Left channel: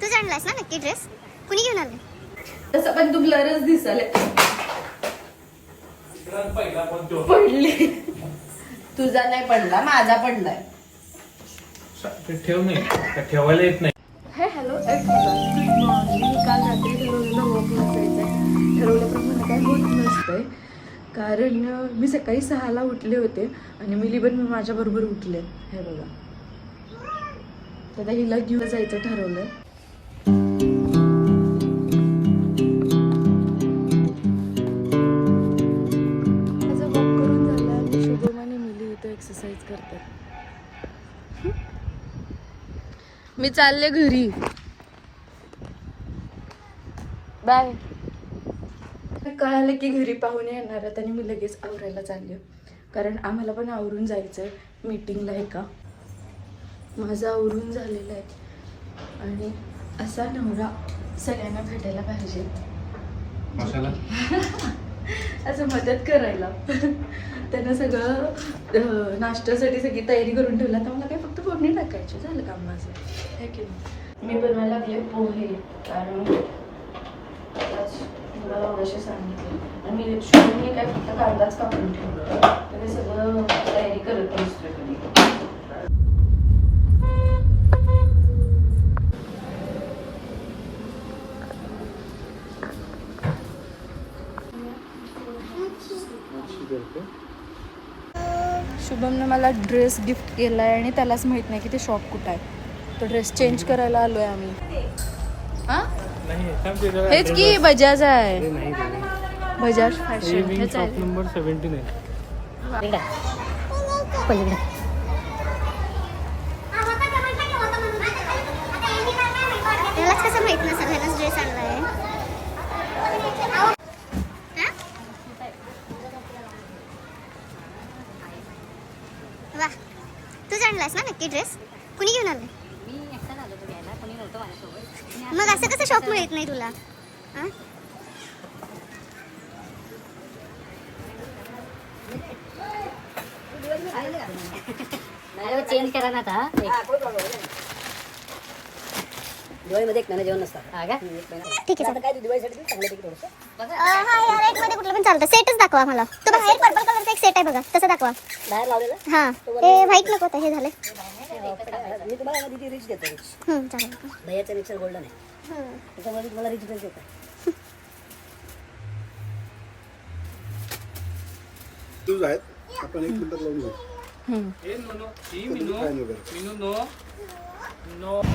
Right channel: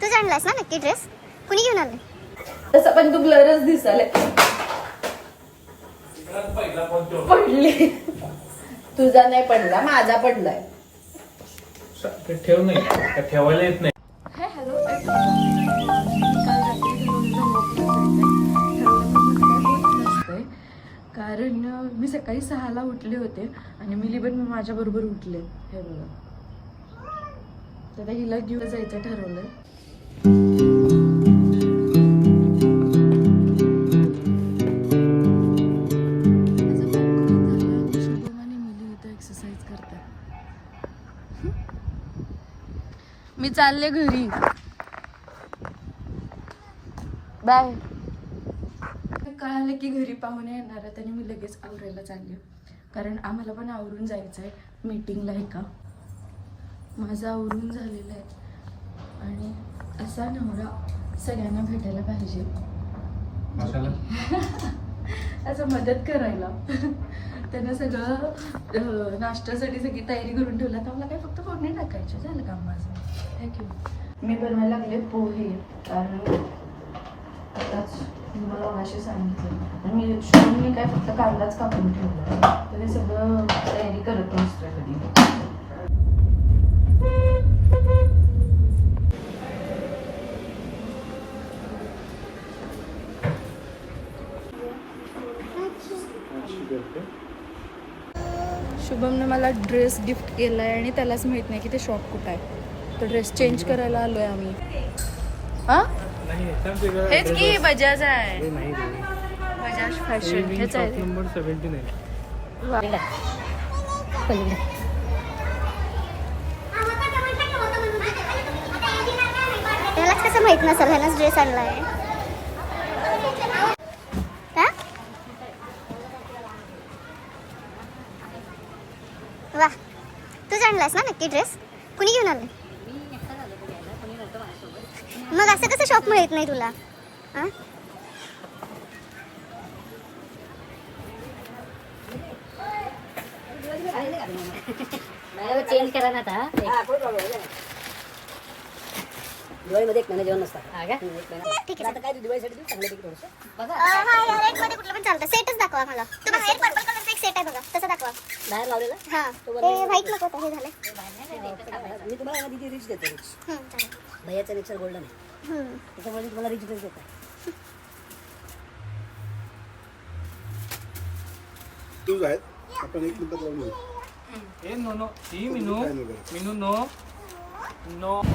तू आणलास ना नक्की ड्रेस? कुणी घेऊन आले? तसं पण तू ब्लरच दिसायला पडले. तुझा नाही पडला, माझा पडलाय. ठेव नाही, ठेवायला येत नाही. हाय हॅलो, काल रात्री ठरवल्याप्रमाणे काय होत नसतंय, कारण मी सकाळी 6ला उठले होते आणि मिली पण मी माझ्या बरोबर उठले. हे बघा, आता हिला घेऊन जायचं ठरवलंय. माझं वॉक करून झालं आणि शुभम आणि मिली इथं एक्सरसाइज करतात. मी चालले घरी. बाय. कळालं की घरी पाहुणे येणार आहेत आणि मी लगेच आवरायला चालले, कारण आम्हाला पण आवरून जायचं आहे मीटिंगला. एका माझं आवरून झालेलं आहे आणि असा नवरा सगळ्यांना भेटायला पाहिजे. असं मदत करायला. त्यांना सगळं नाश्त्यासाठी सगळी तयारी करून ठेवला, तर मला काय फक्त फोडणी टाकायची, झालं काम माझं. मी बनवायला लागले पोहे, कारण तुम्हाला मगाशी सांगितलं आणि मी शुभमने काय फक्त कांदाच कापून ठेवलं, तर हे सगळं तयारी करत असतो तुम्ही. शुभमने मला ड्रेस गिफ्ट केला आहे आणि त्यालाच माहित नाही की ते शॉप कुठं आहे. तो ड्रेस चेंज करायला आलोय आम्ही. हा हेच की बजाज आहे, बजाज फॅशन. हेच आहे नंबर 79. त्यालाच कसं माहित नसेल ह्यानंच ड्रेस आणलाय. वा, तू आणलास ना नक्की ड्रेस? कुणी घेऊन आले? मग असं कसं शॉप मिळत नाही तुला? चेंज करा ना आता. दिवाळीमध्ये एक महिना जेवण नसतं. ठीक आहे, काय दिवाळीसाठी चांगलं पैकी थोडंसं हा या रेट मध्ये कुठलं पण चालतं. सेटच दाखवा मला. तो बाहेर पर्पल कलरचा एक सेट आहे बघा, तसं दाखवा. बाहेर लावलेलं. हा, हे व्हाईट नको आता, हे झालं. मी तुम्हाला ना दिदी रिच देतो. रिच चालेल. दह्याचं मिक्सर गोल्डन आहे, त्याच्यामध्ये तुम्हाला रिच ड्रेस देतो. तूच आहेत, आपण 1 मिनिटात लावून घेऊ.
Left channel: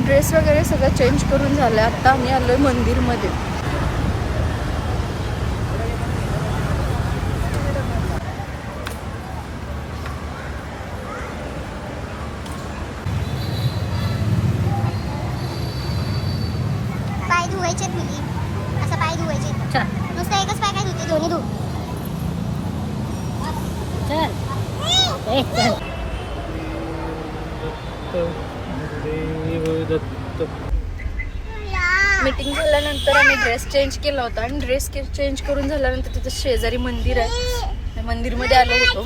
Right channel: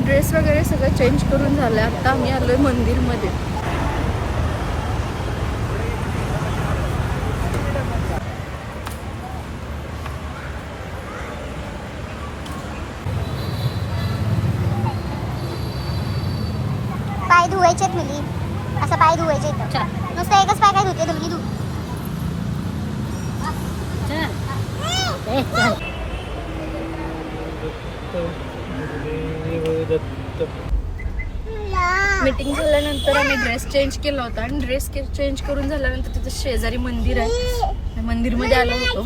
ड्रेस वगैरे सगळं चेंज करून झालं. आता आम्ही आलोय मंदिरमध्ये. पाय धुवायचे आहेत मुली, असं पाय धुवायचे आहेत. मस्त एकच पाय काय धुते, दोन्ही धु. मीटिंग झाल्यानंतर आम्ही ड्रेस चेंज केला होता आणि ड्रेस चेंज करून झाल्यानंतर तिथं शेजारी मंदिर आहे, मंदिरमध्ये आलो होतो.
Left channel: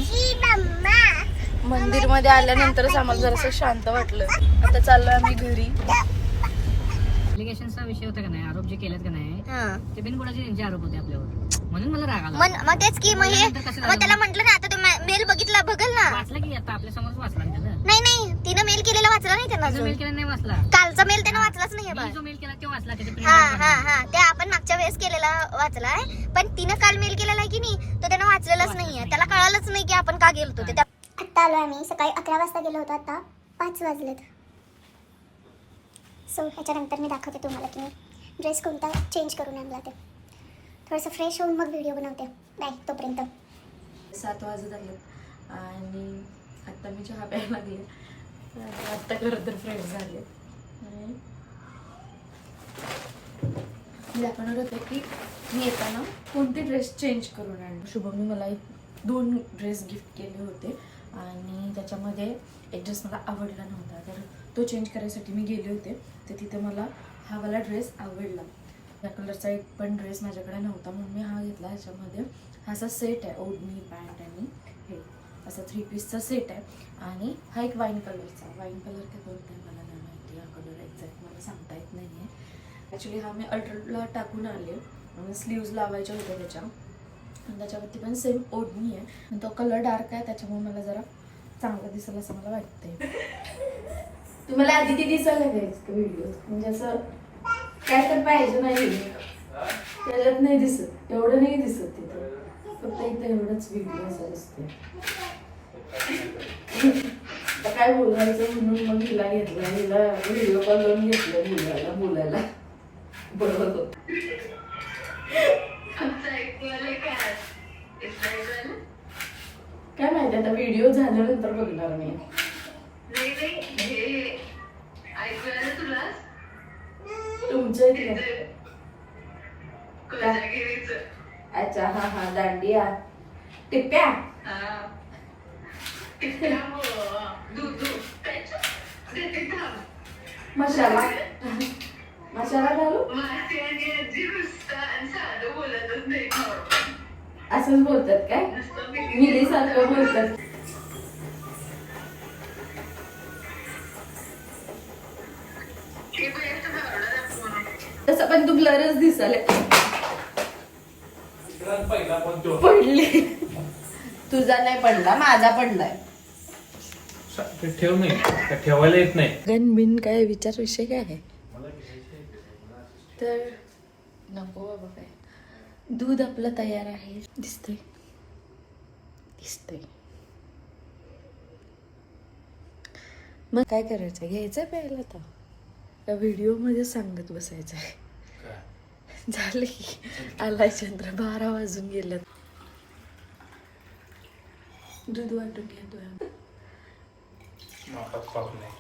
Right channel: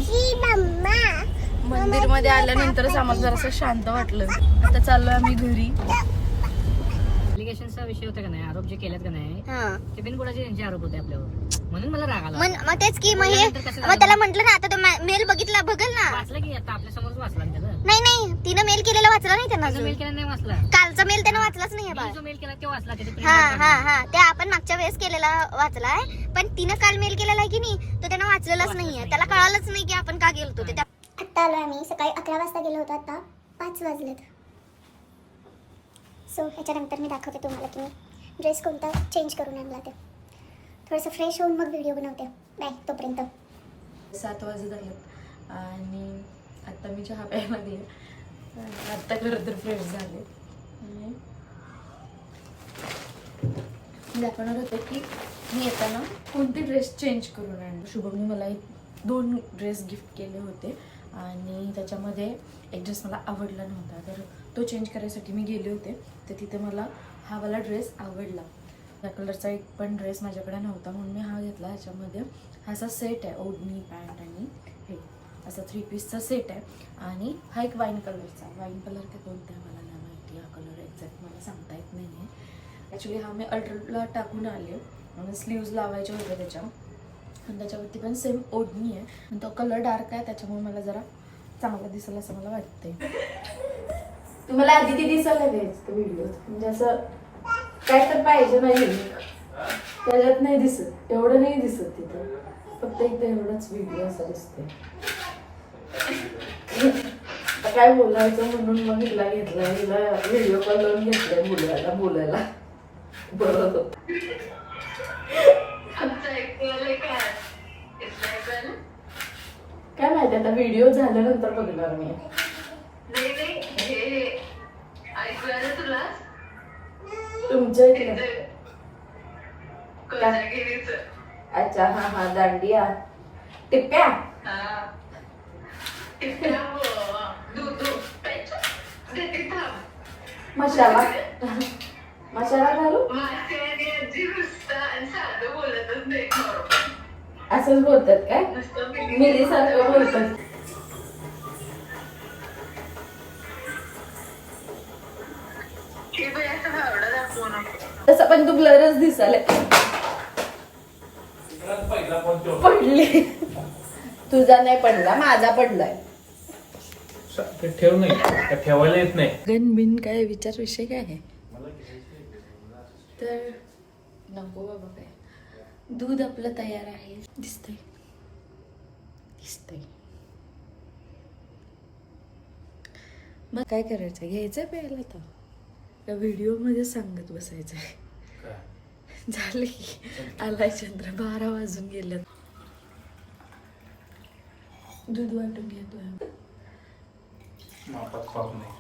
मंदिरमध्ये आल्यानंतरच आम्हाला जरासं शांत वाटलं. आता चाललोय आम्ही घरी. ऍप्लिकेशनचा विषय होता का नाही, आरोप जे केलेत का नाही, ते बिनबुडाचे त्यांचे आरोप होते आपल्यावर, म्हणून मला राग आला. मग तेच की, मग त्याला म्हंटल ना, आता तो मेल बघितला, बघल ना. वाचला की आता आपल्या समोरच वाचला ना त्याला. नाही तिनं मेल केलेला वाचला नाही त्यांना. मेल केला नाही वाचला, कालचा मेल त्यानं वाचलाच नाहीये. जो मेल केला ते वाचला. हा ते आपण मागच्या वेळेस केलेला वाचलाय, पण तिनं काल मेल केलेला आहे की नाही, तो त्यानं वाचलेलाच नाहीये. त्याला कळालंच नाही की आपण का गेलो ते. आता आलोय आम्ही, सकाळी 11 वाजता गेलो होतो, आता 5 वाजलेत. सो ह्याच्यानंतर मी दाखवते तुम्हाला की मी ड्रेस कोणता चेंज करून आणला ते. थोडंसं फ्रेश होऊन मग व्हिडिओ बनवते. बाय तोपर्यंत. 7 वाजत आलेत आणि आत्ता मी चहा प्यायला लागले. आत्ता खरं तर फ्रेश झाले. दाखवणार होते की मी येताना कोणते ड्रेस चेंज करून आणले. शुभमने मला 2 ड्रेस गिफ्ट केले होते आणि त्याच्यामध्ये एक ड्रेस मला आवडला नव्हता, तर तो चेंज करायसाठी मी गेले होते. तर तिथे मला हा वाला ड्रेस आवडला. त्या कलरचा एक पण ड्रेस माझ्याकडे नव्हता, म्हणून मी हा घेतला. ह्याच्यामध्ये हा असा सेट आहे, ओढणी पॅन्ट आणि हे असा 3 पीसचा सेट आहे. आणि हा एक वाईन कलरचा, वाईन कलर काय कोणता आहे मला नाही माहिती, हा कलर एक्झॅक्ट मला सांगता येत नाही आहे. ॲक्च्युली हा मी अल्ट्राला टाकून आले आणि स्लीव्ज लावायच्या होत्या त्याच्या, आणि त्याच्यावरती पण सेम ओढणी आहे आणि तो कलर डार्क आहे, त्याच्यामुळे मला जरा चांगला दिसेल असं मला वाटतंय. तुम्हाला आधी ती दिसायला घ्यायचं व्हिडिओ, म्हणजे असं काय तर पाहिजे नाही त्याच्यात नाही दिसत, एवढं नाही दिसत तिथं, फक्त इथं एवढंच व्हिडिओ असं दिसते. काय बोलायचं म्हणून मग हिला घेतलं, हिला व्हिडिओ कॉल लावून घेतलंय बोलायला बरोबर. काय माहिती आता व्हिडिओ झाल्यानंतर बघणार मी. तुमचं अच्छा हा हा दांडिया टिप्प्या मसाला मसाला घालू असंच बोलतात काय, मिली सारखं बोलतात. तसं पण तू ब्लरच दिसायला पडले. तुझा नाही पडला, माझा पडलाय. ते ठेव नाही, त्या ठेवायला येत नाही. गणबिन काय विचार विषय काय आहे तर नको बाबा. काय दूध आपलं तयार आहे, दिसतंय दिसतंय. मग काय करायचं, घ्यायचंय प्यायला आता या व्हिडिओ मध्ये सांगत बसायचं आहे. झालं की आलाय चंद्र, 12 वाजून गेलं. दूध वाटून घेतो मापात पाप नाही.